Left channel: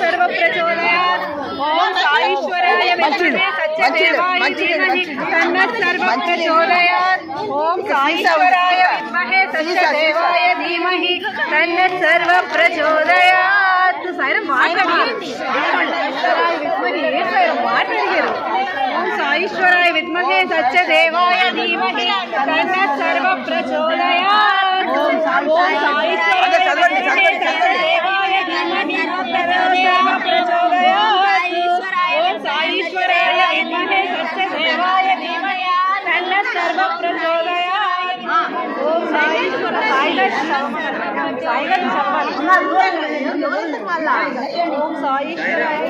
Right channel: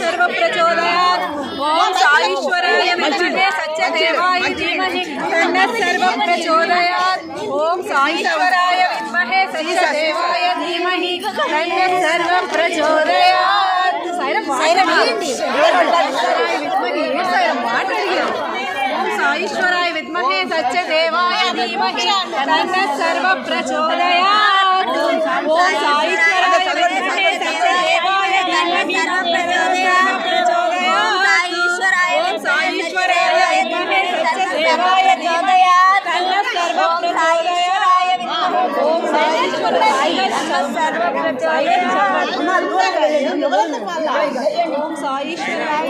सर्व प्रचोदयात्। ओम साईश्वराय विद्महे सत्यदेवाय धीमहि तन्नः सर्व प्रचोदयात्। ओम साईश्वराय विद्महे सत्यदेवाय धीमहि तन्नः सर्व प्रचोदयात्। साईराम माట్లాడారు। ओम साईश्वराय विद्महे सत्यदेवाय धीमहि तन्नः सर्व प्रचोदयात्। ओम साईश्वराय विद्महे सत्यदेवाय धीमहि सत्यदेवाय धीमहि तन्नः सर्व प्रचोदयात्। ओम साईश्वर ओम साईश्वराय